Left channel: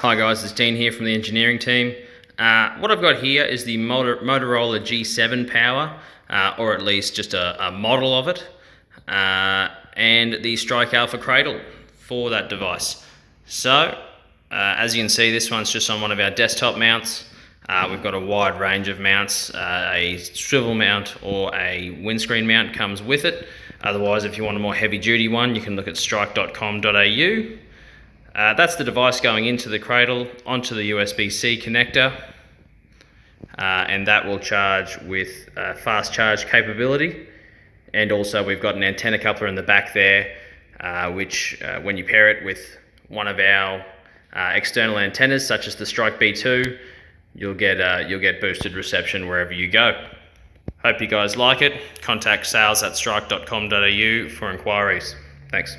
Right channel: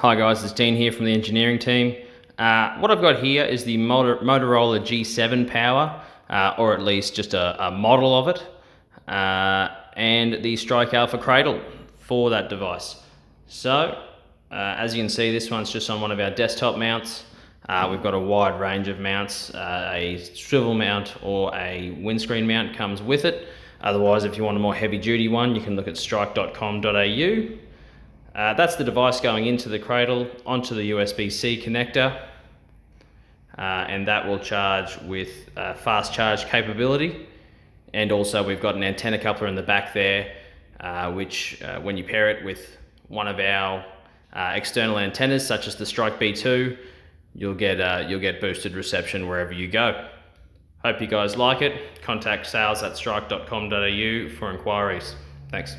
Hi guys, it's Dean here from the engineering team. What I've got here is the Motorola G7 Power, or at least just a model of it, and the Strike Alpha Cradle for that device. So, as you can see, this one's just on one of our desktop mounts. We've got a wide range of mounts. A swivel mount or a windscreen mount comes with it. Otherwise, if you want a more heavy duty one, you can look at strike.com.au. That's the device going into the Cradle, onto the USB-C connector, and that will charge with fast charge capability. And also we've got an antenna coupler in the back there, which when you pair it with one of our external antennas, such as the Strike B2, you'll get boosted reception wherever you go. Hope you guys like it. Contact sales@strike.com.au for inquiries. Thanks.